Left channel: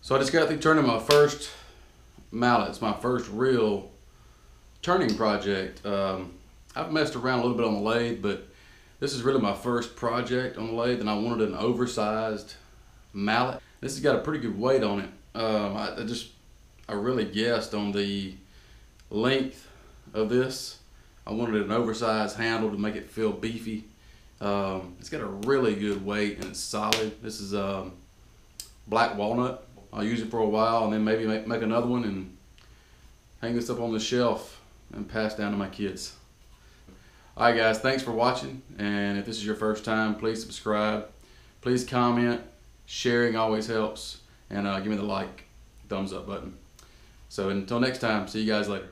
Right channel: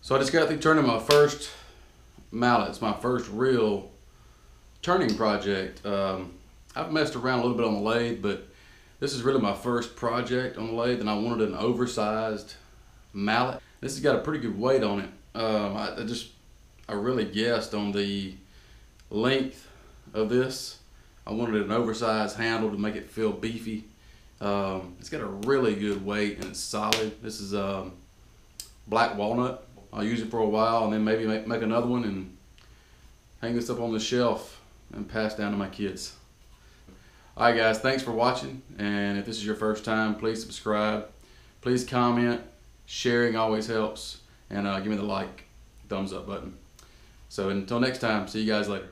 So I just got through turning my first mallet. It's my first real turning project. I've messed around a little bit on the lathe, but this is really my first project on the lathe, and I wanted an oversized mallet. This has got a pretty good weight on it. I really guessed on the length of this. I wanted an oversized handle to make it feel beefy. It's got a really good weight and it's solid. This is black walnut. I'll use it for a while and then maybe make another one and hang this up on the shelf and pass down to my kids. Alright guys, thanks for watching, and if this is your first time, please subscribe. Please comment. Sharing always helps, and give me the like, thumbs up button. So until next time, see you guys later.